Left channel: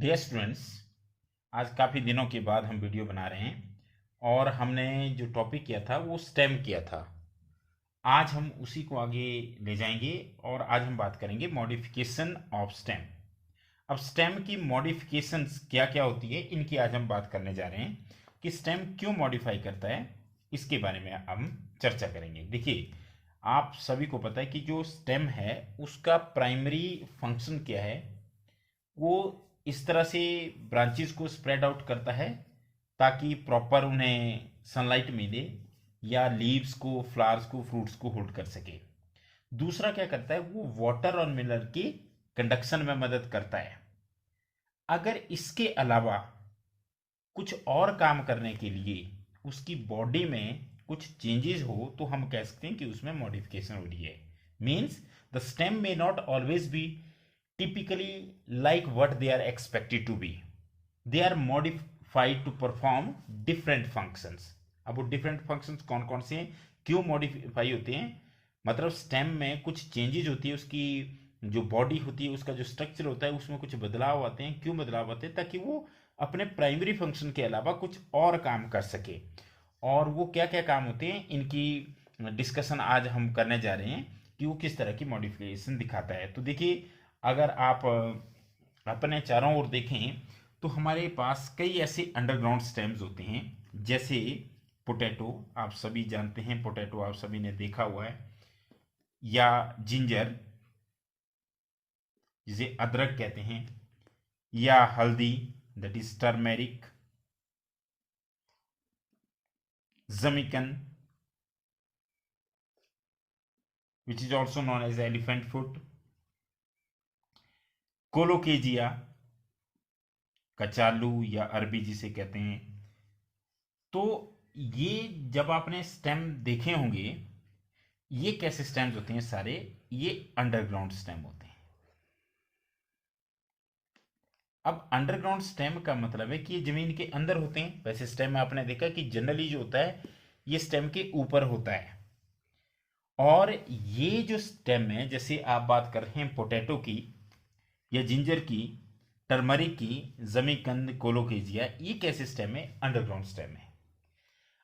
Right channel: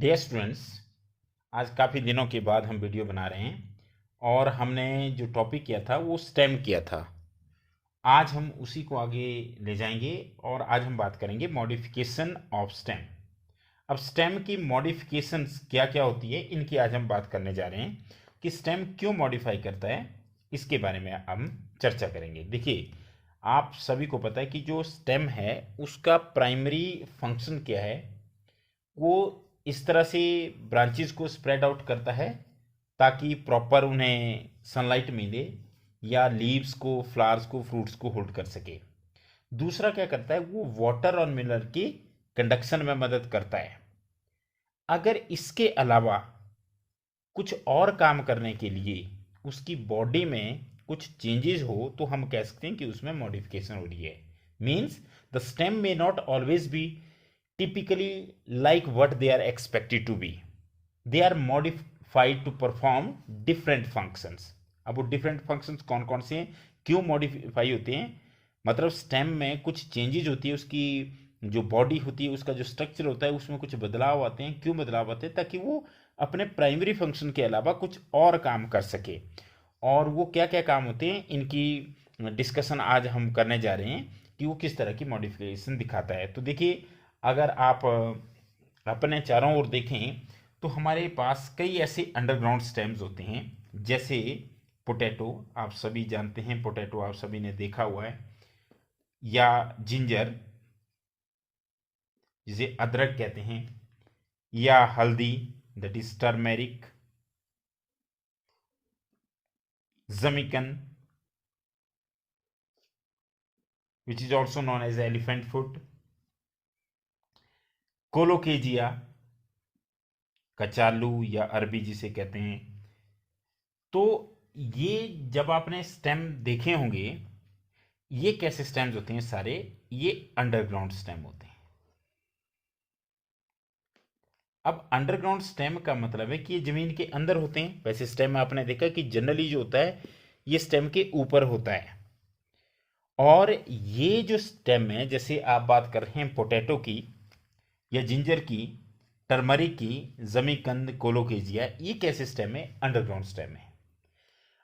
Dear students, आज काफ़ी दिनों के बाद हम वीडियो बना रहे हैं और हमने जो टॉपिक किया था वो स्टेम किया था। आज हम उसी को आगे ले जाएंगे और आज हम बात करेंगे मॉडिफिकेशन ऑफ स्टेम। अब स्टेम की मॉडिफिकेशंस क्या क्या होती है, इनकी आज हम बात करने जा रहे हैं कि स्टेम क्यों मॉडिफाई करता है। इसके बारे में हम चर्चा करेंगे। देखिए, आप सभी को पता है कि जो स्टेम है उसका प्राइमरी फंक्शन क्या है। वो इस तरह से ब्रांचेस को स्प्रेड आउट करता है ताकि प्रॉपर उन्हें सनलाइट मिले या लीव्स को, फ्लावर्स को, फ्रूट्स को होल्ड कर सके। दूसरा क्या करता है, वो वाटर और मिनरल की कंडक्शन में मदद करता है। अगर इसके अलावा कुछ और काम करने के लिए उसकी बॉडी में कुछ चेंजेस हो तो हम कह सकते हैं कि उसमें मॉडिफिकेशन हो रही है। मीन्स द स्टेम में not always be typically like what they are expected to be. They are modified to perform different functions. अब वो different functions कौन कौन से हैं, क्यों modify होते हैं, मतलब स्टेम में कुछ चेंजेज होती है, उसकी जो बॉडी होती है, उसका जो स्ट्रक्चर होता है, उसमें कुछ बदलाव आते हैं। क्यों बदलाव आते हैं? ताकि वो अपने प्राइमरी फंक्शन के अलावा कुछ और काम कर सके। और वो क्या क्या काम होते हैं, इनकी डिस्कशन आज हम करने जा रहे हैं कि वो किस तरह की मॉडिफिकेशन दिखाता है। तो देखिए, अगर आप अपने चारों ओर देखें तो हमारे पास कई ऐसे अंडरग्राउंड स्टेम्स होते हैं। जैसे पोटैटो, आप सभी जानते हैं, पोटैटो आप सभी ने देखा हुआ है। या जिंजर, जिसे अदरक कहते हैं। या हल्दी, दैट इज टर्मेरिक। जमिकन, which is also known as elephant foot. Colocasia, कचालू या अरबी जिसे कहते हैं। तो ये जब आपने स्टेम देखे होंगे, ये कैसे स्टेम्स होते हैं सारे, ये अंडरग्राउंड स्टेम होते हैं। अब अंडरग्राउंड स्टेम का मतलब है कि ये जमीन के अंदर होते हैं। वैसे स्टेम आपने देखा कि जनरली जो होता है ये स्टेम के ऊपर होता है। और ये जो स्टेम है, जैसे आप बात कर रहे हैं पोटैटो की या जिंजर की, टर्मरिक की, जमीकंद, कोलोकेजिया, ये कैसे स्टेम है? अंडरग्राउंड स्टेम है।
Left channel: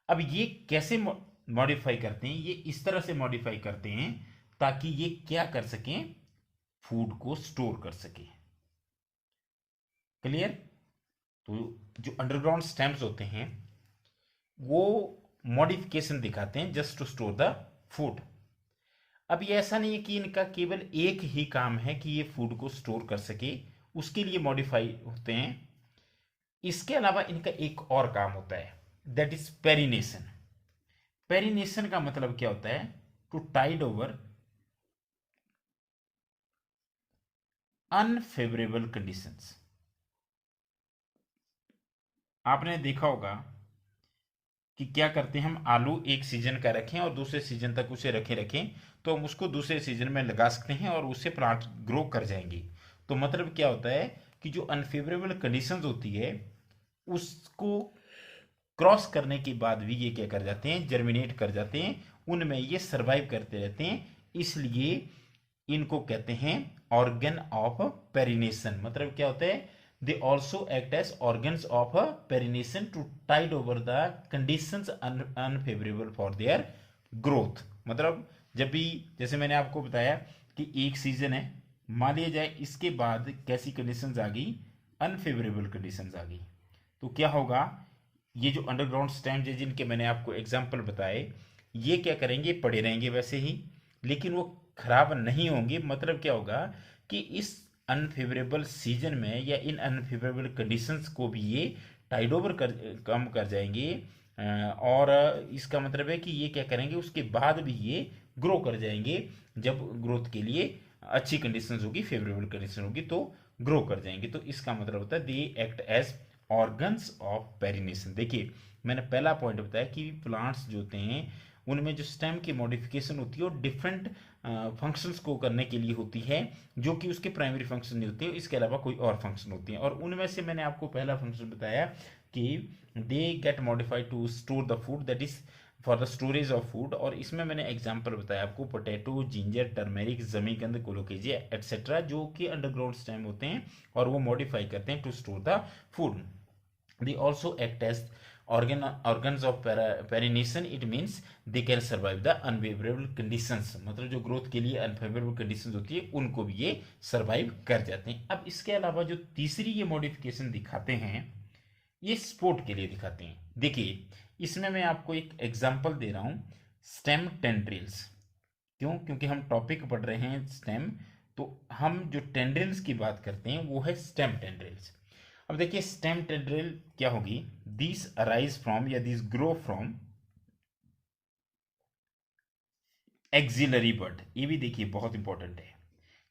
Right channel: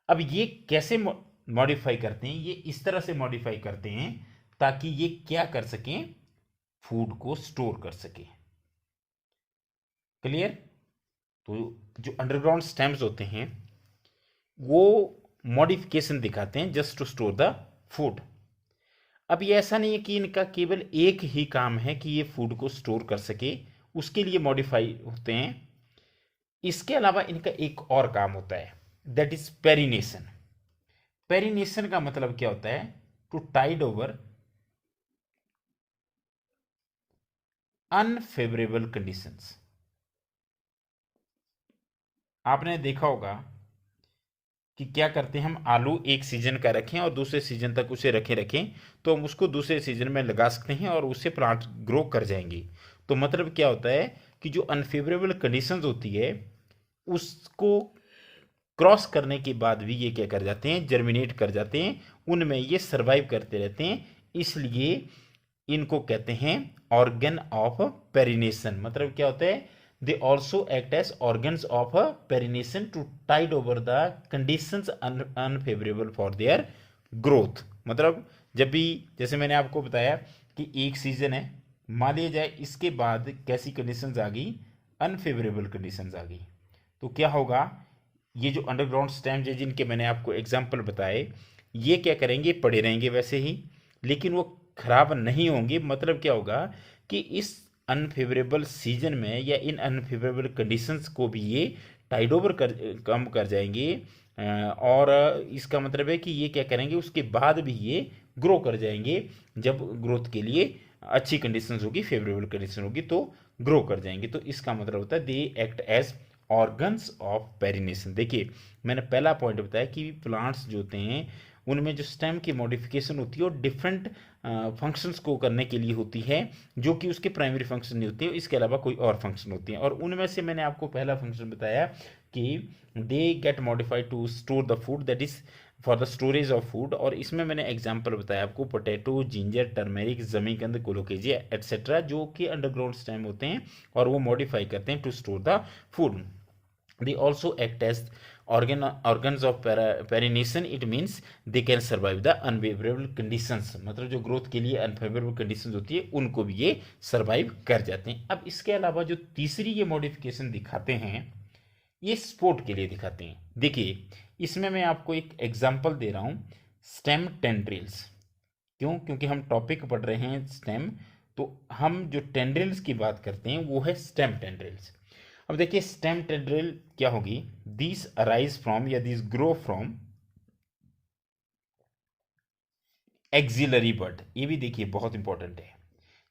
अब ये कैसे मॉडिफाई करते हैं? ये इस तरह से मॉडिफाई करते हैं ताकि ये क्या कर सकें, फूड को स्टोर कर सके। क्लियर? तो जो अंडरग्राउंड स्टेम्स होते हैं वो मॉडिफिकेशन दिखाते हैं just to store the food. अब ये ऐसा नहीं है कि इनका केवल एक ही काम है कि ये फूड को स्टोर कर सके, उसके लिए मॉडिफाई होते हैं। इसके अलावा इनका एक और काम होता है, दैट इज पेरिनेशन। पेरिनेशन का मतलब क्या होता है? To tide over unfavourable conditions. आपने देखा होगा कि क्या करते हैं, हम आलू एक सीजन का रखें और दूसरे सीजन तक उसे रखें तो हम उसको दूसरे सीजन में लगा सकते हैं और उससे प्लांट ग्रो कर जाएंगे। तो मतलब क्या होता है कि जो अनफेवरेबल कंडीशंस होती है उसको क्रॉस करने के बाद भी ये क्या कर जाते हैं, जर्मिनेट कर जाते हैं, उनमें ये सर्वाइव करते रहते हैं। इसलिए इनको कहते हैं ऑर्गन ऑफ पेरिनेशन। मतलब क्या होता है, they also act as organs of perennation to tide over the conditions unfavourable for their growth. मतलब जब भी, जैसे मैंने आपको बताया कि एक सीजन है, मान लिया जाए इसके बाद कैसी कंडीशंस आ गई, अनफेवरेबल कंडीशंस आ गई, तो क्या होगा, ये जो अंडरग्राउंड स्टेम्स है जिनके मैंने आपको एग्जाम्पल बताए, ये क्या करेंगे, पड़े रहेंगे वैसे ही, लेकिन वो खराब नहीं होंगे। मतलब क्या होगा कि इस अनफेवरेबल सीजन में या इन अनफेवरेबल कंडीशंस को भी ये टाइड ओवर कर, कम कर जाएंगे। और इसका मतलब है कि ये क्या करेंगे, उसके बाद भी ये ग्रो कर जाएंगे। जब ग्रोथ के लिए अच्छी कंडीशंस होगी, फेवरेबल कंडीशन होगी, तो ग्रो कर जाएंगे। तो इसका मतलब होता है they act as organs of perennation. देखिए, मैंने पहला पॉइंट बताया कि प्लांट्स जो होते हैं उनमें जो स्टेम की मॉडिफिकेशन होती है वो डिफरेंट फंक्शंस को करने के लिए होती है, जो कि उसके प्राइमरी फंक्शन नहीं होते हैं, इसके अलावा कोई और फंक्शन होती हैं। और उनमें से मैंने आपको पहला फंक्शन बताया कि they get modified to store the food, that is for the storage of food. और इसमें मैंने एग्जांपल बताया आपको, पोटैटो, जिंजर, टर्मेरिक, जमीकंद, कोलोकेशिया एटसेट्रा, जो कि अंडरग्राउंड स्टेम होते हैं और वो मॉडिफाई करते हैं to store the food. They also act as organs of pollination. It means they can survive the unfavorable conditions, मतलब जो ग्रोथ के लिए अनफेवरेबल कंडीशंस होती है उनको भी ये सर्वाइव कर जाते हैं। अब इसके अलावा जो तीसरी ये मॉडिफिकेशन दिखाते हैं, ये स्पोर्ट के लिए दिखाते हैं। देखिए इसमें मैं आपको एक एग्जांपल दे रहा हूँ, स्टेम टेंड्रिल्स। क्यों? क्योंकि हम टॉपिक पढ़ रहे हैं स्टेम, तो हम जो टेंड्रिल्स की बात करते हैं वो है स्टेम टेंड्रिल्स। अब देखिए स्टेम टेंड्रिल क्या होगी, दिस अराइज फ्रॉम या दिस ग्रो फ्रॉम एक्सिलरी बड। ये भी देखिए बहुत इंपॉर्टेंट है,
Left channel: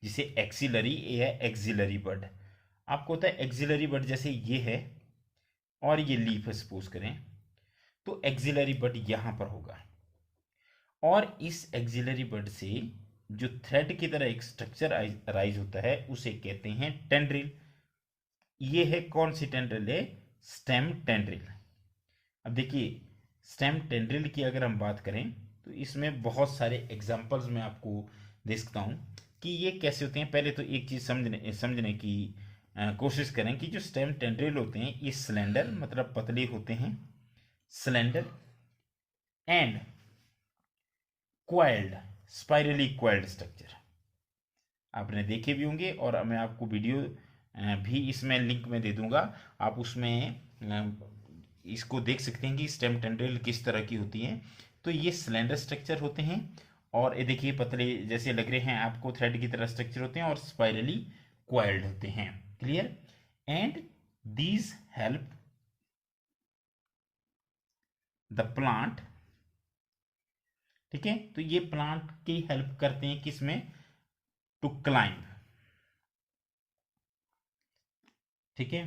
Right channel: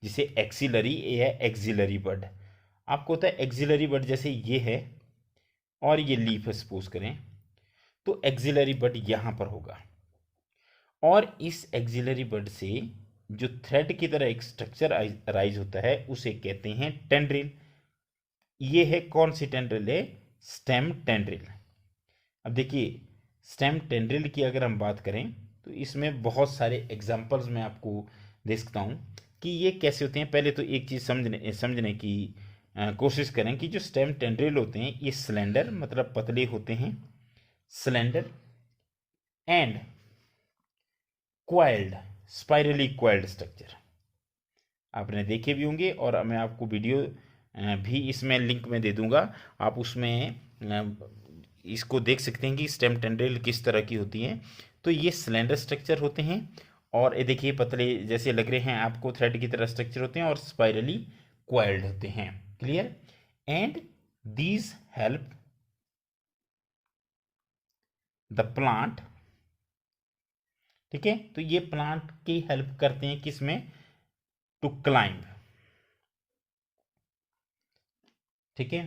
जिसे एक्सिलरी या एक्सिलरी बड। आपको होता है एक्सिलरी बड, जैसे ये है और ये लीफ है सपोज करें, तो एक्सिलरी बड यहां पर होगा और इस एक्सिलरी बड से जो थ्रेड की तरह एक स्ट्रक्चर अराइज होता है उसे कहते हैं टेंड्रिल। ये है कौन सी टेंड्रिल है? Stem tendril. अब देखिए स्टेम टेंड्रिल की अगर हम बात करें तो इसमें बहुत सारे एग्जांपल्स मैं आपको दे सकता हूँ कि ये कैसे होते हैं। पहले तो एक चीज़ समझने की कोशिश करें कि जो स्टेम टेंड्रिल होते हैं ये सिलेंडर मतलब पतले होते हैं, cylinder and coiled, spirally coiled structure आपने देखे भी होंगे और मैं आपको वीडियो भी इसमें लिंक में दे दूंगा, आप उसमें इसको देख सकते हैं कि स्टेम टेंड्रिल किस तरह की होती है। तो ये सिलेंडर स्ट्रक्चर होते हैं और ये देखिए पतले जैसे लग रहे हैं आपको, थ्रेड की तरह स्ट्रक्चर होते हैं और स्पाइरली क्वाइल्ड होते हैं। Clear? And these help the plant, ठीक है, तो ये प्लांट की हेल्प करते हैं किसमें? To climb. ठीक है,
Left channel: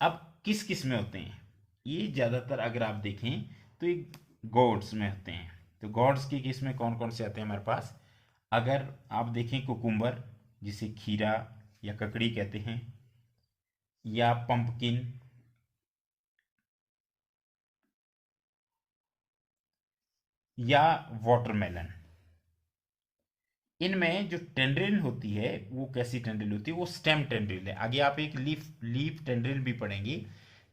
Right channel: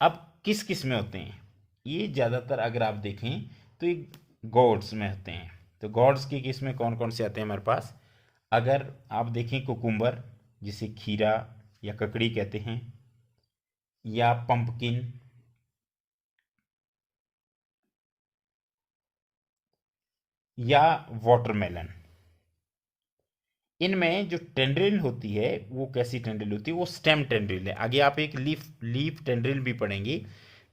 अब किस किस में होते हैं ये? ज़्यादातर अगर आप देखें तो ये गॉड्स में होते हैं। तो गॉड्स की किस में कौन कौन से आते हैं हमारे पास? अगर आप देखें कुकुम्बर, जिसे खीरा या ककड़ी कहते हैं, या पंपकिन, या वाटरमेलन, इनमें जो टेंड्रिल होती है वो कैसी टेंड्रिल होती है? वो स्टेम टेंड्रिल है। आगे आप एक लीफ टेंड्रिल भी पढ़ेंगे,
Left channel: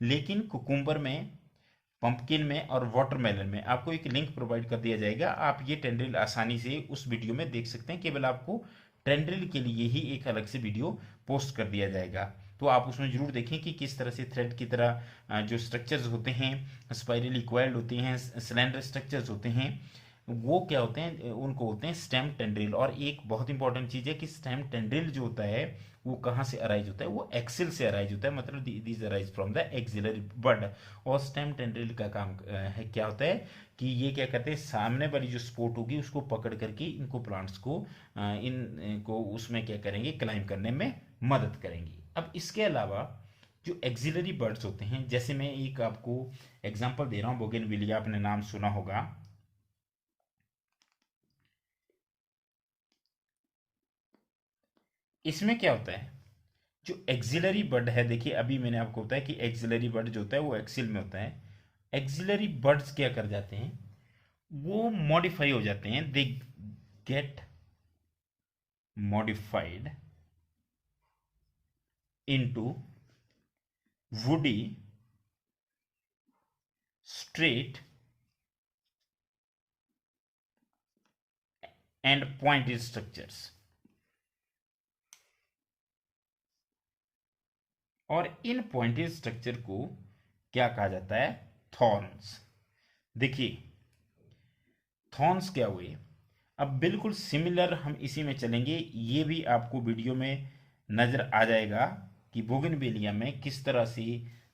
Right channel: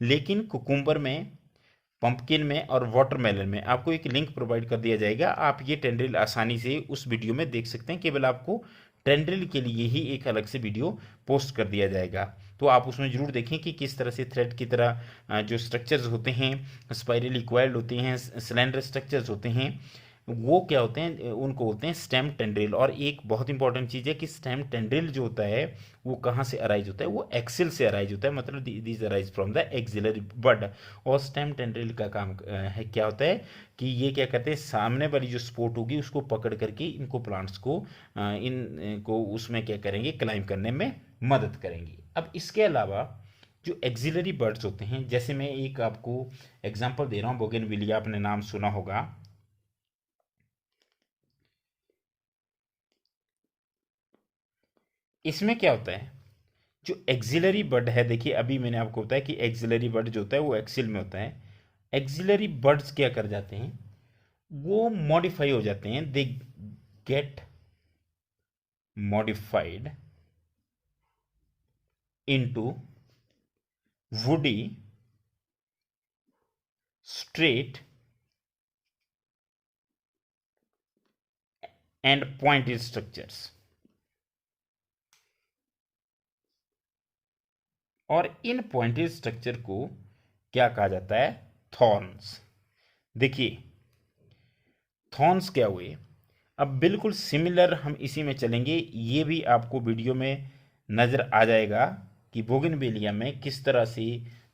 लेकिन कुकुम्बर में, पंपकिन में और वाटरमेलन में आपको एक लिंक प्रोवाइड कर दिया जाएगा, आप ये टेंड्रिल आसानी से उस वीडियो में देख सकते हैं। केवल आपको टेंड्रिल के लिए ही एक अलग से वीडियो पोस्ट कर दिया जाएगा, तो आप उसमें जरूर देखें कि किस तरह से थ्रेड की तरह जो स्ट्रक्चर्स होते हैं, स्पाइरली क्वाइल्ड होते हैं, सिलेंडर स्ट्रक्चर्स होते हैं, वो क्या होते हैं? उनको होते हैं स्टेम टेंड्रिल। और एक बहुत इंपॉर्टेंट चीज़ है कि स्टेम टेंड्रिल जो होता है वो कहाँ से अराइज होता है? वो एक्सिल से अराइज होता है, मतलब this arise from the axillary bud. और स्टेम टेंड्रिल का काम है क्या होता है कि ये क्या करते हैं, सामने वाली जो सपोर्ट होगी उसको पकड़ करके इनको प्लांट्स को इनको उसमें क्या करेंगे, क्लाइंब करने में मदद करेंगी। अब इसके अलावा जो एक्सिलरी बर्ड्स होते हैं, जैसे मैं एक आपको एग्जांपल दे रहा हूँ, बोगेनविलिया, आपने नाम सुना होगा। इसमें क्या होता है, जो एक्सिलरी बड है, देखिए अभी मैंने आपको बताया कि एक्सिलरी बड जो होता है वो एक्सिल में होता है। एक्सिलरी बड्स क्या कर जाते हैं, वो मॉडिफाई हो जाते हैं, दे get modified into woody straight and pointed structures. और इन पॉइंटेड स्ट्रक्चर को क्या कहा जाता है? थॉर्न्स। देखिए थॉर्न्स क्या हुए, अब बिल्कुल सिमिलर हम इसी में चलेंगे, ये भी आपको वीडियो में नज़र आ जाएगा कि बोगनवेलिया में किस तरह से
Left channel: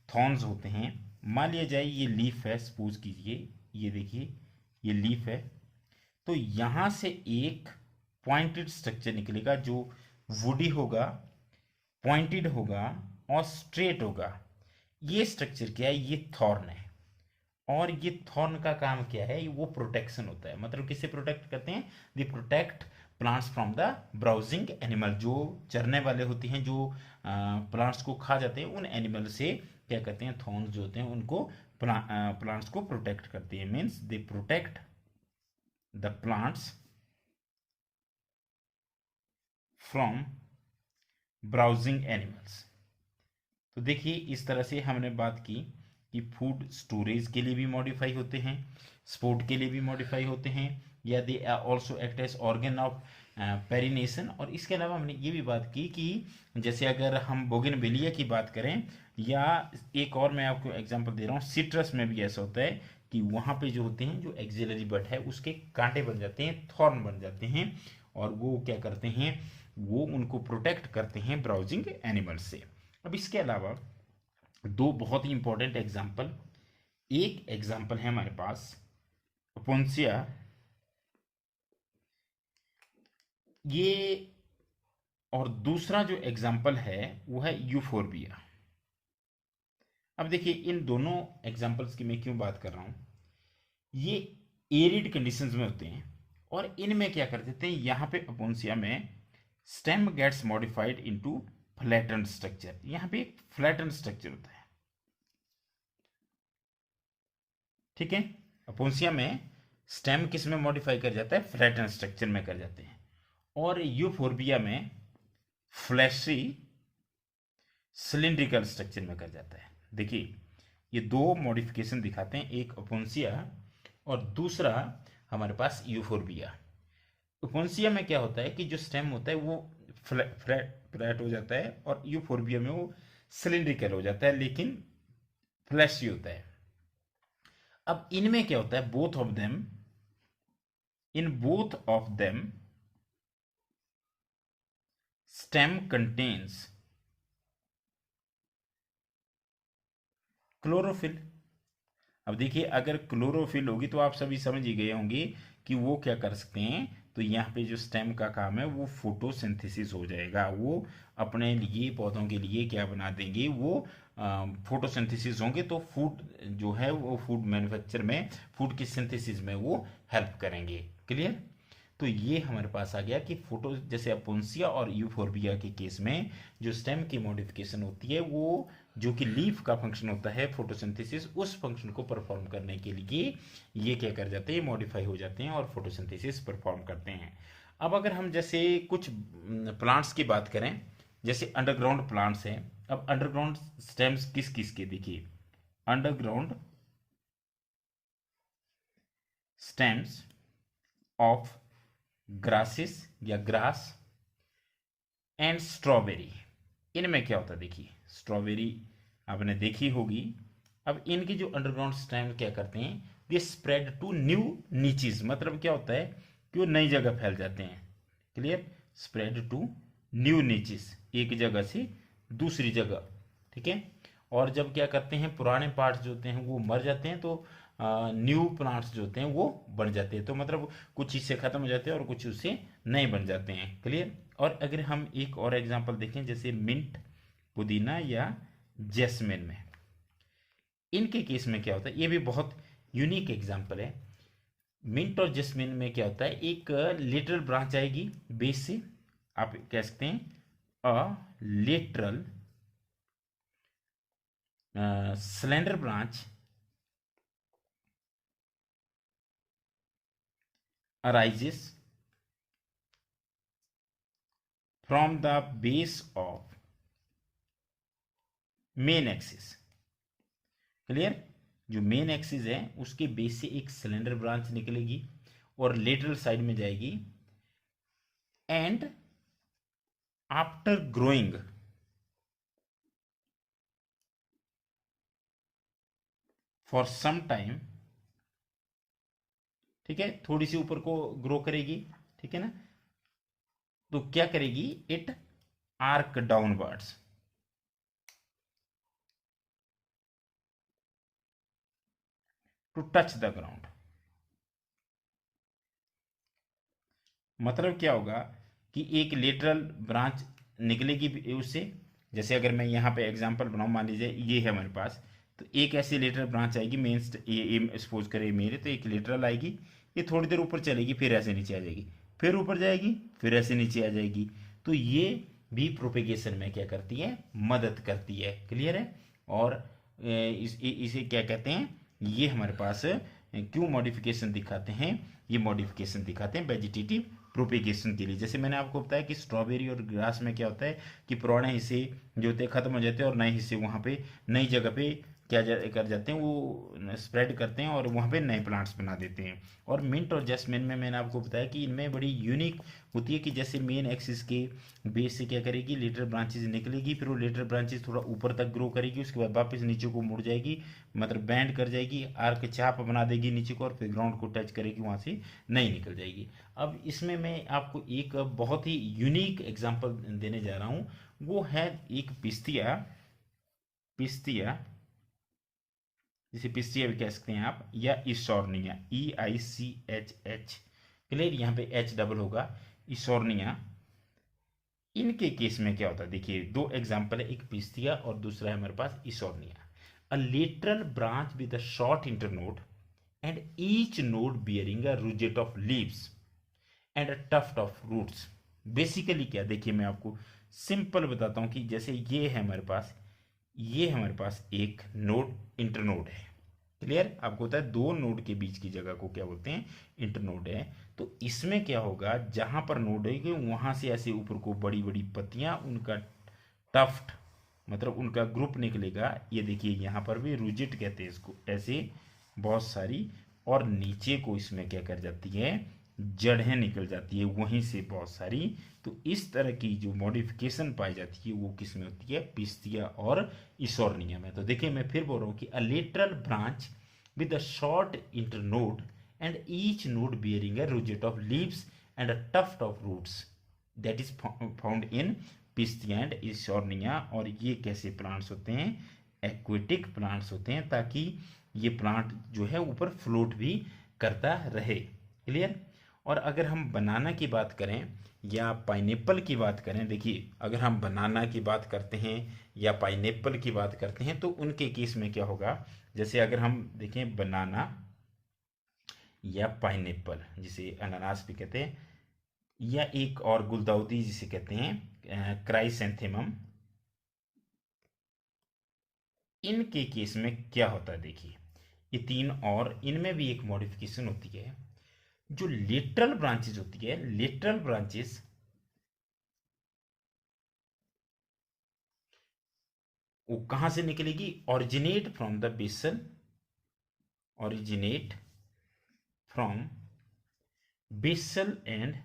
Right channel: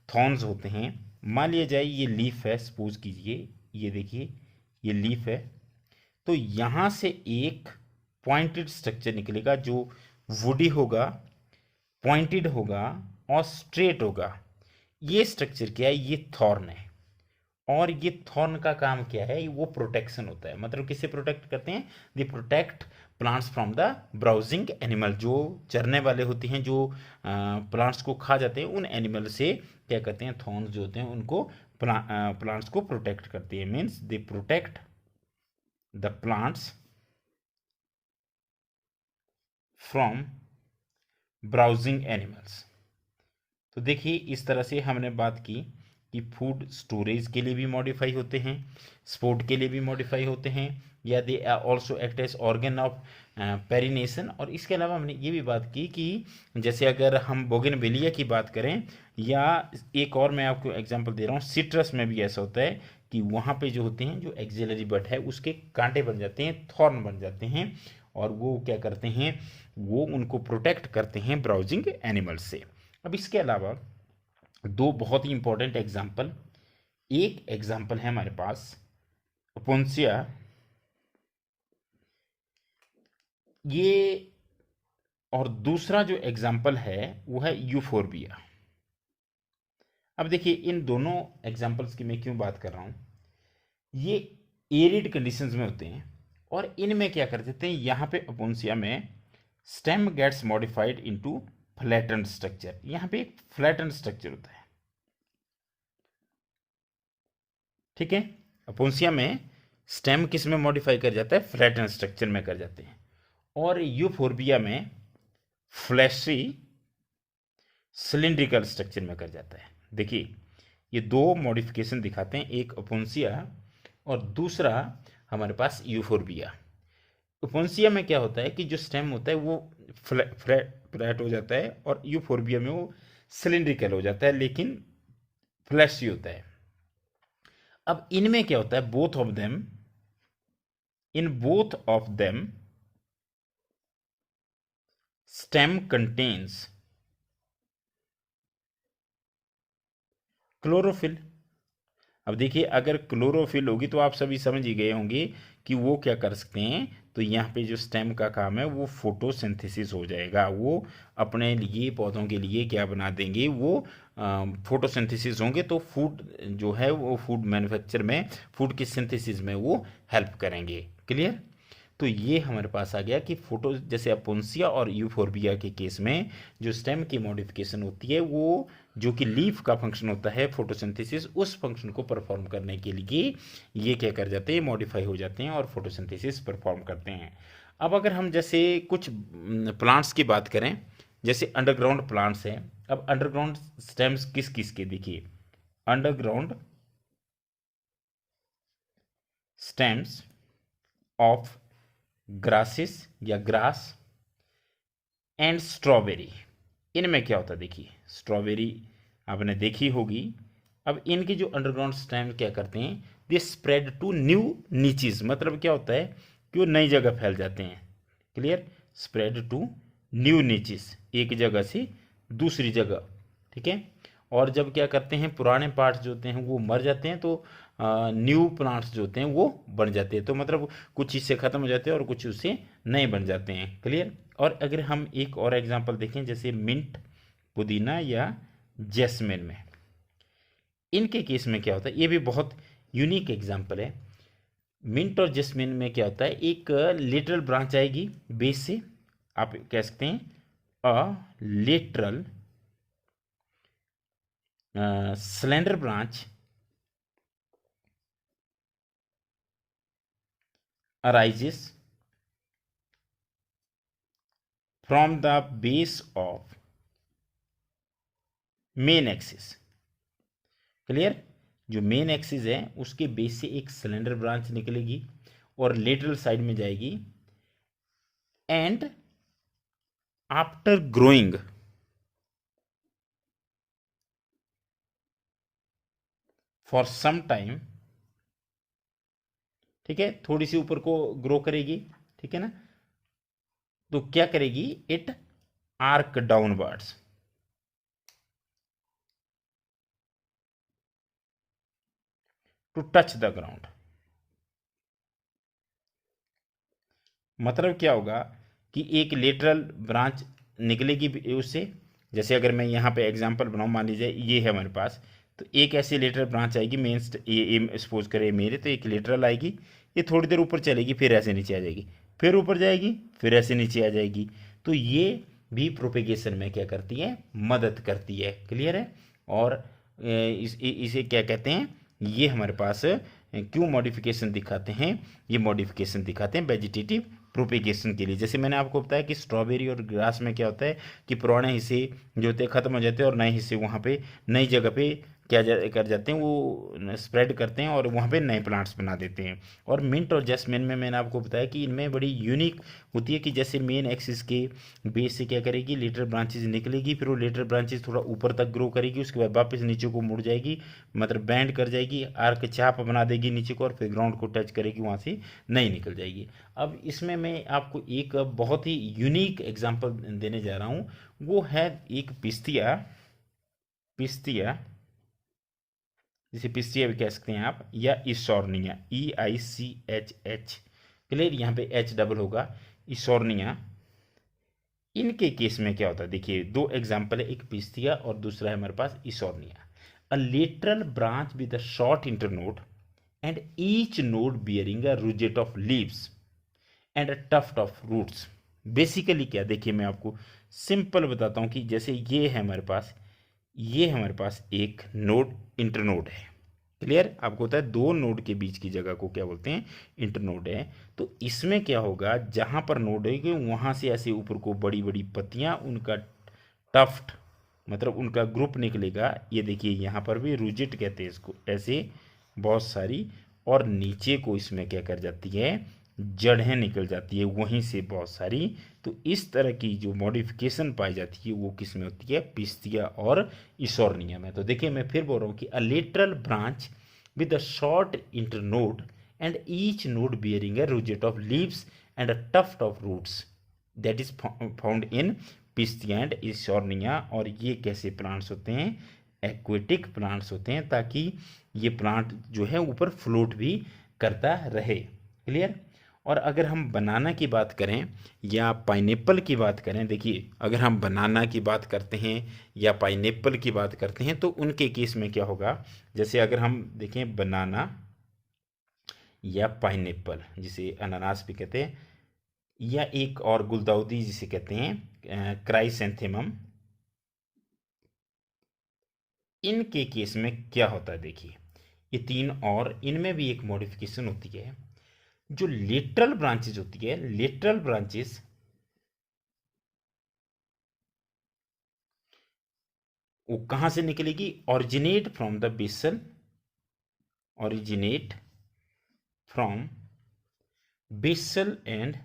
थॉर्न्स होते हैं। मान लिया जाए ये लीफ है, सपोज कीजिए, ये देखिए ये लीफ है, तो यहाँ से एक पॉइंटेड स्ट्रक्चर निकलेगा जो वुडी होगा, पॉइंटेड होगा और स्ट्रेट होगा। ये स्ट्रक्चर क्या है? ये थॉर्न है। और ये थॉर्न का काम क्या है? वो प्रोटेक्शन होता है, मतलब किससे प्रोटेक्ट करते हैं? They protect plants from the browsing animal, जो चरने वाले होते हैं, जो प्लांट्स को खा जाते हैं, उन एनिमल से क्या करते हैं? थॉर्न्स जो होते हैं उनको प्लांट्स को प्रोटेक्ट करती है, means they protect the plants from browsing animals. तो देखिए इस तरह से हमने बात की कि फूड स्टोरेज के लिए भी मॉडिफाई होते हैं, स्पोर्ट के लिए भी मॉडिफाई होते हैं, या they also act as organ of perennation. और इसके अलावा हमने ये भी बात की कि जैसे अगर हम बोगनवेलिया की बात करें, या एक और मैं आपको एग्जांपल दे रहा हूँ, सिट्रस में भी ऐसा होता है कि वहाँ पे जो होते हैं, जो एक्सिलरी बड है उसके कांटे बन जाते हैं, थॉर्न बन जाते हैं, और वो क्या करते हैं, वो उनको प्रोटेक्ट करते हैं ब्राउजिंग एनिमल्स से। अब इसके अलावा दो बहुत ही इंपॉर्टेंट एग्जाम्पल, एक एग्जाम्पल है हमारे पास ओपोन्सिया, ये, और दूसरा जो एग्जाम्पल है वो है यूफोर्बिया। अब देखिए इन दोनों एग्जाम्पल्स की मैं क्यों बात कर रहा हूं, ये एरिड कंडीशंस में होते हैं, और इनमें क्या कर देते हैं, यहां पे ओपोन्सिया में stem gets modified into flattened structure. यहां पे एक फ्लैटेंड स्ट्रक्चर होता है, ठीक है। अपोन्सिया में स्टेम किस में मॉडिफाई कर जाता है, फ्लैटेंड स्ट्रक्चर में कर जाते हैं, और यूफोर्बिया में फ्लैशी सिलिंड्रिकल स्ट्रक्चर में कर जाता है। देखिए ये दो मॉडिफिकेशन दिखाते हैं, एक ओपोन्सिया और दूसरा हमारे पास यूफोर्बिया। ओपोन्सिया में क्या होता है कि जो स्टेम होता है वो फ्लैट हो जाता है, और यूफोर्बिया में वो सिलिंड्रिकल हो जाता है, लेकिन फ्लैशी होता है। अब इनमें क्या होता है, both of them, in both of them stem contains chlorophyll. अब देखिए अगर क्लोरोफिल होगी तो आप सभी समझ ही गए होंगे कि वो क्या कर सकते हैं, तो यहाँ पे जो स्टेम का काम है वो फोटोसिंथेसिस हो जाएगा, वो अपने लिए पौधों के लिए क्या बना देंगे, वो फोटोसिंथेसिस होंगे, तो फूड जो है वो फूड मैन्युफैक्चर में, फूड की सिंथेसिस में वो हेल्प करेंगे। क्लियर। तो ये हमारे पास आ गया कि फोटो, जैसे अपोन्सिया और यूफोर्बिया के केस में जो स्टेम की मॉडिफिकेशन होती है, वो जो कि लीफ का फंक्शन होता है फोटोसिंथेसिस, उस फंक्शन को परफॉर्म करने के लिए ये क्या कर जाते हैं, मॉडिफाई हो जाते हैं और फोटोसिंथेसिस परफॉर्म करते हैं। अब अगर हम जैसे कुछ प्लांट्स की बात करें, जैसे अंडरग्राउंड प्लांट्स हैं। अब अंडरग्राउंड स्टेम्स किस किस के, देखिए अंडरग्राउंड स्टेम्स ऑफ ग्रासेस या ग्रास एंड स्ट्रॉबेरी। इनमें क्या होता है, देखिए स्ट्रॉबेरी आपने देखी होगी। अब इनके जो अंडरग्राउंड स्टेम क्या करते हैं, they spread to new niches, मतलब क्या होता है कि वो नई जगह फैल जाते हैं। Clear. Spread to new niches, एक जगह से दूसरी जगह, ठीक है। और जब क्या करते हैं, पुराने पार्ट्स जो होते हैं वो मर जाते हैं, तो न्यू प्लांट्स जो होते हैं वो बन जाते हैं, तो मतलब कुछ इससे ख़त्म हो जाते हैं और कुछ उससे नए बन जाते हैं। क्लियर। और अगर हम एक और एग्जांपल देखें, जैसे मिंट, पुदीना या जैस्मिन में, इनके केस में क्या होता है, ये भी बहुत यूनिक एग्जांपल है। मिंट और जैस्मिन में क्या होता है, एक लेटरल ब्रांच आएगी बेस से, आप कह सकते हैं अ lateral slender branch arises from the base of main axis. Clear. जो मेन एक्सिस है उसके बेस से एक सिलेंडर ब्रांच निकलेगी और लेटरल साइड में जाएगी, and after growing for some time, ठीक है, थोड़ी सी ऊपर को ग्रो करेगी, ठीक है ना, तो क्या करेगी, it arch downwards to touch the ground. मतलब क्या होगा कि एक लेटरल ब्रांच निकलेगी उससे, जैसे अगर मैं यहाँ पे एग्जांपल बनाऊँ, मान लीजिए ये है हमारे पास, तो एक ऐसी लेटरल ब्रांच आएगी मेन, ये सपोज करें मेरे, तो एक लेटरल आएगी, ये थोड़ी देर ऊपर चलेगी, फिर ऐसे नीचे आ जाएगी, फिर ऊपर जाएगी, फिर ऐसे नीचे आ जाएगी, तो ये भी प्रोपेगेशन में क्या करती है, मदद करती है। क्लियर है। और इसे क्या कहते हैं, ये हमारे पास क्यों मॉडिफिकेशन दिखाते हैं, ये मॉडिफिकेशन दिखाते हैं वेजिटेटिव प्रोपिगेशन के लिए। जैसे मैंने आपको बताया कि स्ट्रॉबेरी और ग्रास में क्या होता है कि पुराने हिस्से जो होते हैं ख़त्म हो जाते हैं और नए हिस्से वहाँ पे नई जगह पे कर जाते हैं, वो स्प्रेड करते हैं और वहाँ पे नए प्लांट्स बना देते हैं। और मिंट और जैस्मिन में मैंने आपको बताया कि इनमें बड़ी यूनिक होती है कि जैसे मेन एक्सिस के बेस से क्या करेगी, लेटर ब्रांचेज निकलेगी, फिर वो लेटर ब्रांचेज थोड़ा ऊपर तक ग्रो करेगी, उसके बाद वापस नीचे को मुड़ जाएगी, मतलब बैंड कर जाएगी, आर्क चाप बना देगी नीचे को, और फिर ग्राउंड को टच करेगी, वहाँ से नहीं निकल जाएगी। अब इसमें मैं आपको एक बहुत ही यूनिक एग्जांपल देने जा रहा हूँ, वो है एक पिस्तिया। पिस्तिया, जिसे पिस्तिया भी कह सकते हैं आप, या इसोर्निया, EICHH, क्लियर, यहाँ पे H डबल होगा, इसोर्निया। इनके केस में क्या होता है, देखिए दो एग्जाम्पल है, एक पिस्तिया और दूसरा है हमारे पास Eichhornia. A lateral branch with a short internode and each node bearing a rosette of leaves and a tuft of roots. Basically क्या, देखिए मैं आपको सिंपल बताता हूँ कि जैसे ये है हमारे पास, ये हमारे पास एक नोड इंटरनोड है, क्लियर, आपको होता है दो नोड के बीच की जगह को क्या बोलते हैं, इंटरनोड है। तो इसमें क्या होगा, जहां पर नोड है कि वहां से ऐसे ऊपर को बड़ी बड़ी पत्तियां, उनका टफ्ट मतलब उनका ग्रुप निकलेगा। ये देखिए यहाँ पर भी रूजिट कहते हैं इसको, ऐसे बहुत सारी, और नीचे को इसमें क्या कर जाती है, जड़ें निकल जाती है वहीं से बहुत सारी। तो इस तरह की जो मॉडिफिकेशन पाई जाती है वो किस में होती है, पिस्तिया और इसोर्निया में। तो देखिए मैं फिर बोल रहा हूँ कि अ lateral branch with a short internode and each node bearing a rosette of leaves and a tuft of roots that is found in Pistia and Eichhornia. और ये कैसे प्लांट्स होते हैं, एक्वेटिक प्लांट्स होते हैं, ताकि ये प्लांट जो है ऊपर फ्लोट भी करता रहे, क्लियर। और अगर हम बनाना की बात करें या पाइनएप्पल की बात करें, देखिए अगर हम बनाना की बात करते हैं या पाइनएप्पल की बात करते हैं तो उनके केस में क्या होगा, जैसे अगर हम देखें बनाना या पाइनएप्पल, जिसे अनानास भी कहते हैं, या एक और गुलदाउदी जिसे कहते हैं क्राइसेंथेमम, इनके केस में क्या होता है, देखिए ये तीन, और इनमें भी एक मॉडिफिकेशन होती है। जो लेटरल ब्रांचेज होती है, लेटरल ब्रांचेस वो कहां से निकलेगी, originate from the basal, originate from basal and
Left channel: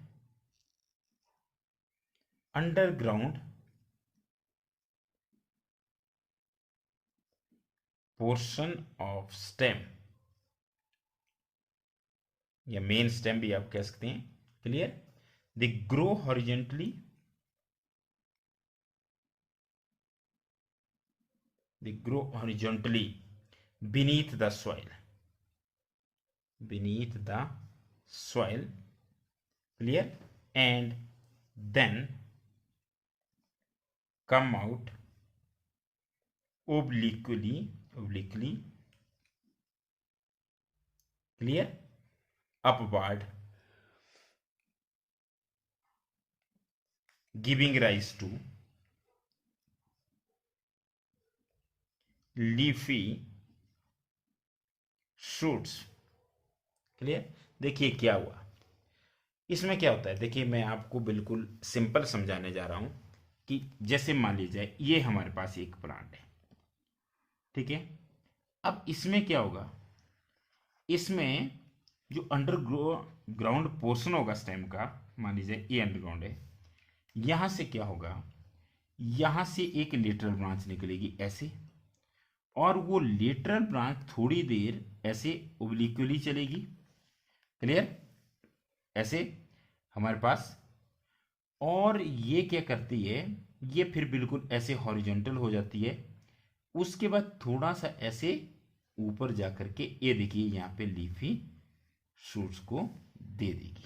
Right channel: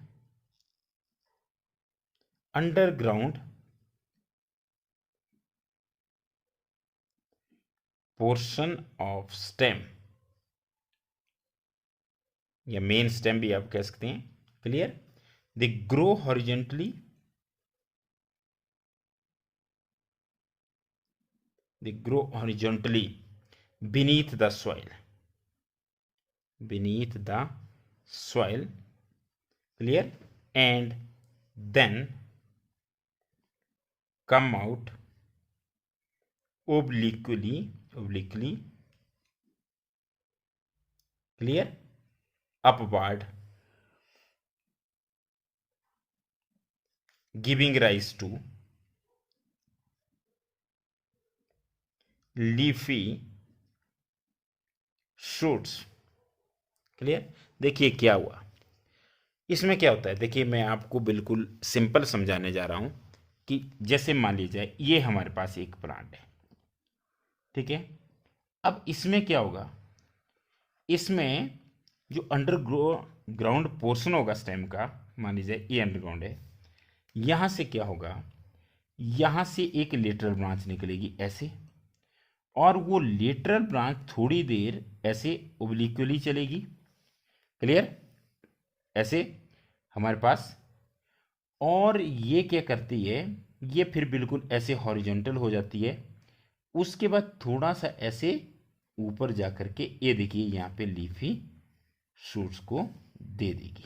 underground portion of stem, या मेन स्टेम भी आप कह सकते हैं, clear. They grow horizontally, they grow horizontally beneath the soil, beneath the soil, clear, and then come out obliquely, obliquely, clear, upward, giving rise to leafy shoots, clear. देखिए क्या हुआ, इसमें क्या होता है, देखिए मैं आपको बिल्कुल सिंपल समझाने जा रहा हूं कि जैसे मान लीजिए ये हमारे पास एक प्लांट है, ठीक है। अब इसमें क्या होगा, इसमें जो ग्राउंड पोर्शन होगा स्टेम का, मान लीजिए ये अंडरग्राउंड है, यहां से क्या होगा, यहां से एक लेटरल ब्रांच निकलेगी ऐसे, और वो लेटरल ब्रांच थोड़ी देर ऐसे ओब्लिक्वली चलेगी, क्लियर, ऐसे हमारे पास, और ये क्या करती है, ये फिर बिल्कुल ऐसे हॉरिजॉन्टल हो जाती है। उसके बाद थोड़ा सा ऐसे ऊपर जा करके ये देखिए यहाँ पे लीफी शूट्स को दे देगी।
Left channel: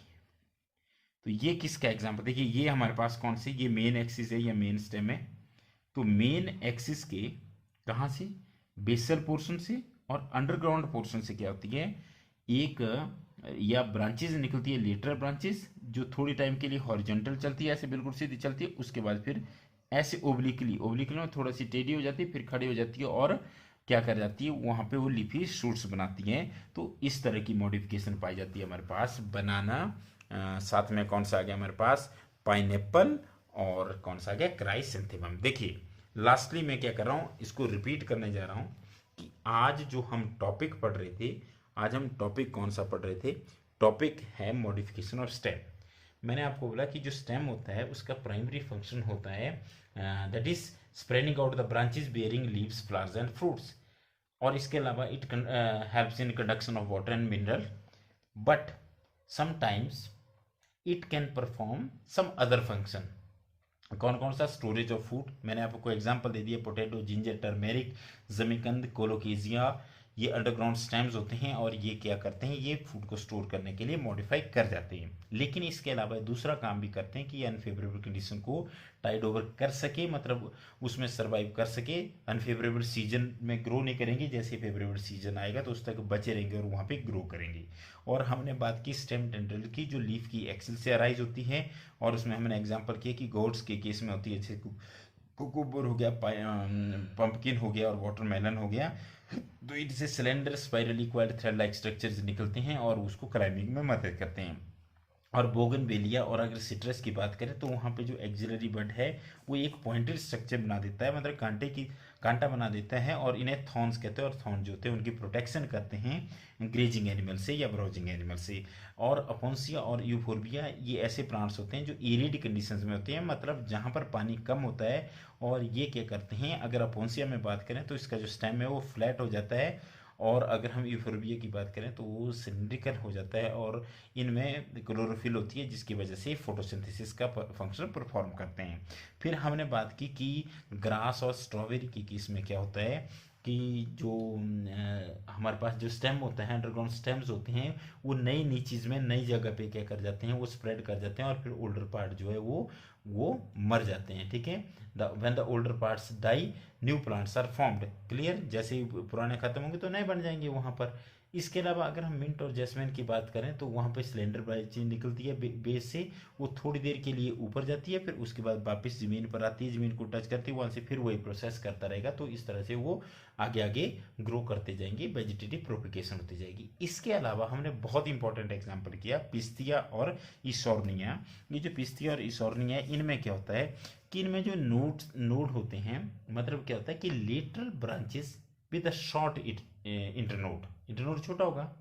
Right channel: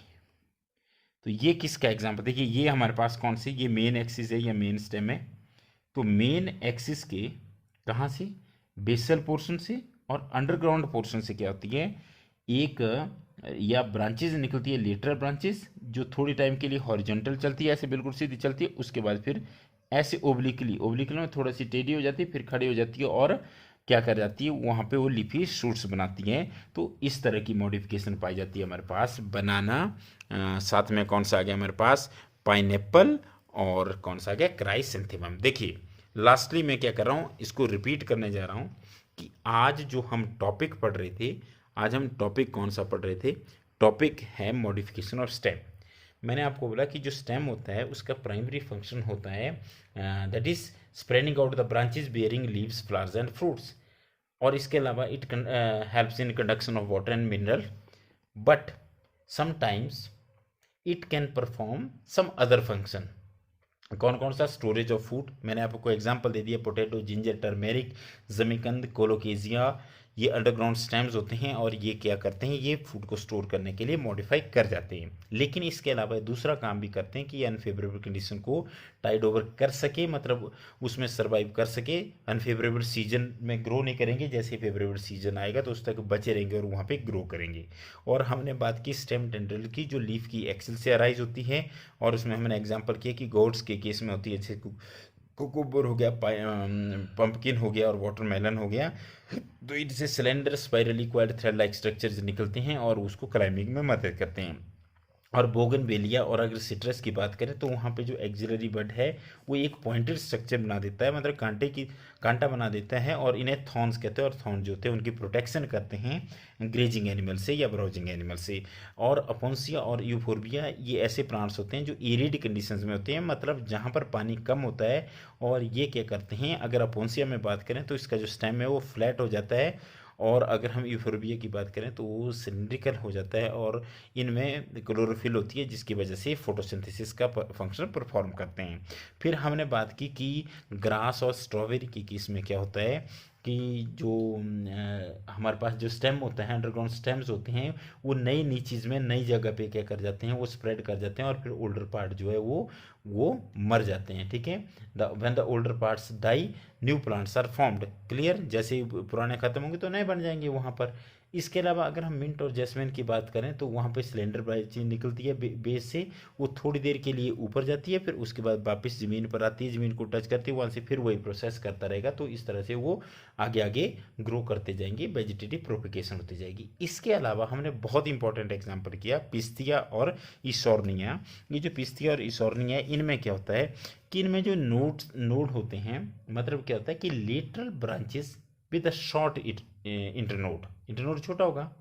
तो ये किसका एग्जांपल, देखिए ये हमारे पास कौन से, ये मेन एक्सिस है या मेन स्टेम है। तो मेन एक्सिस के कहाँ से, बेसल पोर्शन से, और अंडरग्राउंड पोर्शन से क्या होती है, एक या ब्रांचेज निकलती है, लेटरल ब्रांचेस, जो थोड़ी टाइम के लिए हॉरिजॉन्टल चलती है, ऐसे बिल्कुल सीधी चलती है, उसके बाद फिर ऐसे ओब्लिकली, ओब्लिकली में थोड़ा सी टेढ़ी हो जाती है, फिर खड़ी हो जाती है, और क्या कर जाती है, वहाँ पे वो लीफी शूट्स बनाती हैं। तो इस तरह की मॉडिफिकेशन पाई जाती है हमारे पास। बनाना, साथ में कौन सा आ गया हमारे पास, पाइनएप्पल, और कौन सा आ गया, क्राइसेंथेमम। देखिए लास्टली मैं क्या कर रहा हूँ, इसको रिपीट करने जा रहा हूँ कि आज जो हम टॉपिक पढ़ रहे थे, आज हम टॉपिक कौन सा पढ़ रहे थे, टॉपिक है मॉडिफिकेशन ऑफ स्टेम। मैंने आपको बोला कि जो स्टेम होता है उसका प्राइमरी फंक्शन होता है that is spreading out the branches bearing leaves, flowers and fruits. और इसके अलावा it helps in conduction of water and mineral, but sometimes it can perform some other function. कौन कौन सा, स्टोरेज ऑफ फूड, मैंने आपको एग्जांपल दे दिया, potato, ginger, turmeric, जमीकंद, कोलोकेजिया, ये अंडरग्राउंड स्टेम्स होते हैं और ये क्या करते हैं, ये फूड को स्टोर करने के लिए मॉडिफाई कर जाते हैं। लेकिन इसके अलावा दूसरा काम भी करते हैं कि ये अनफेवरेबल कंडीशन को टाइड ओवर कर सके, मतलब उसमें सर्वाइव कर सके। अनफेवरेबल सीजन में ग्रो नहीं करेंगे, जैसे फेवरेबल सीजन आएगा तो उस तक बचे रहेंगे और वहाँ पे ग्रो करेंगे। और हमने बात की स्टेम टेंड्रिल की, जो लीफ की एक्सिल से अराइज होती है, और उसमें हमने एग्जांपल किया कि गोड्स के केस में होती है, जैसे कुकुबर हो गया, पंपकिन हो गया और वाटरमेलन हो गया। तो इनसे cylinder spirally coiled thread like structures निकलते हैं और उसको क्लाइंबिंग में मदद करते हैं। और बोगनवेलिया, और अगर सिट्रस की बात करें तो वहाँ पे जो एक्सिलरी बड है वो एक पॉइंटेड स्ट्रक्चर बना देता है, मतलब कांटा बना देता है, और इन्हें थॉर्न्स कहते हैं। और थॉर्न जो होते हैं उनकी प्रोटेक्शन करते हैं ग्रेजिंग एनिमल से या ब्राउजिंग एनिमल से। और अपोन्सिया और यूफोर्बिया, ये ऐसे प्लांट्स होते हैं जो एरिड कंडीशंस में होते हैं, मतलब जहाँ पर पानी कम होता है। और ये क्या करते हैं, अगर अपोन्सिया में बात करें तो इसका जो स्टेम है वो फ्लैट हो जाता है, और अगर हम यूफोर्बिया की बात करें तो वो सिलिंड्रिकल हो जाता है, और इनमें क्लोरोफिल होती है जिसकी वजह से फोटोसिंथेसिस का फंक्शन परफॉर्म करते हैं। फिर हमने बात की कि ग्रास और स्ट्रॉबेरी की केस में क्या होता है कि जो हमारे पास जो स्टेम होता है, अंडरग्राउंड स्टेम्स होते हैं, वो नई नई चीज़ में नई जगह पे क्या कर जाते हैं, वो स्प्रेड कर जाते हैं, और फिर ओल्डर पार्ट जो है वो मर जाते हैं। ठीक है, when the older parts die new plants are formed. Clear, जैसे ही पुराने खत्म होंगे तो नए बन जाएंगे वहाँ पर। इसके अलावा अगर हम मिंट और जैस्मिन की बात करें तो वहाँ पे सिलेंडर ब्रांचें निकलती है बेस से, वो थोड़ी देर के लिए ऊपर जाती है, फिर उसके बाद वापस ज़मीन पर आती है, ज़मीन को टच करती है, वहाँ से फिर वही प्रोसेस करता रहेगा। तो इस तरह से वो आगे आगे ग्रो करते जाएंगे, वेजिटेटिव प्रोपिकेशन होती जाएगी। इसके अलावा हमने बहुत इंपॉर्टेंट एग्जाम्पल किया पिस्तिया और इसोर्निया। ये जो पिस्तिया और इसोर्निया है, इनमें क्या होता है कि इनमें जो नोड होते हैं, मतलब क्या होता है कि lateral branches with a short internode छोटा होगा,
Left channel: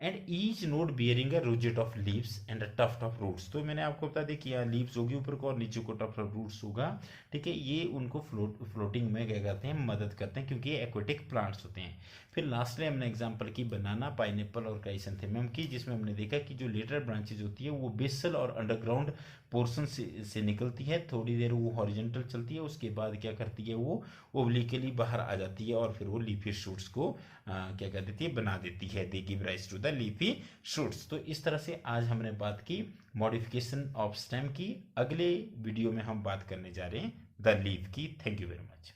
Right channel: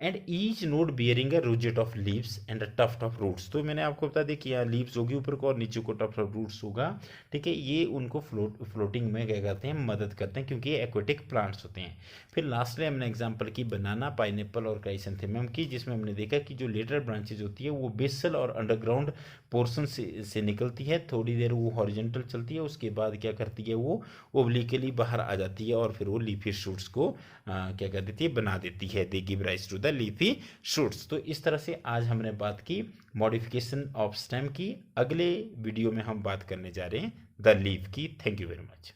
and each node bearing a rosette of leaves and a tuft of roots. तो मैंने आपको बता दें कि यहाँ लीव्स होगी ऊपर को और नीचे को टफ्ट ऑफ रूट्स होगा। ठीक है, ये उनको फ्लोटिंग में क्या करते हैं, मदद करते हैं, क्योंकि ये एक्वेटिक प्लांट्स होते हैं। फिर लास्टली हमने एग्जांपल की बनाना, पाइनएप्पल और क्राइसेंथेमम की, जिसमें हमने देखा कि जो लेटरल ब्रांचेज होती है वो बेसल और अंडरग्राउंड पोर्शन से निकलती है, थोड़ी देर वो हॉरिजेंटल चलती है, उसके बाद क्या करती है, वो ओब्लिकली बाहर आ जाती है, और फिर वो लीफी शूट्स को क्या कर देती है, बना देती है, they give rise to the leafy shoots. तो इस तरह से आज हमने बात की मॉडिफिकेशन ऑफ स्टेम की। अगले वीडियो में हम बात करने जा रहे हैं द लीफ की। Thank you very much.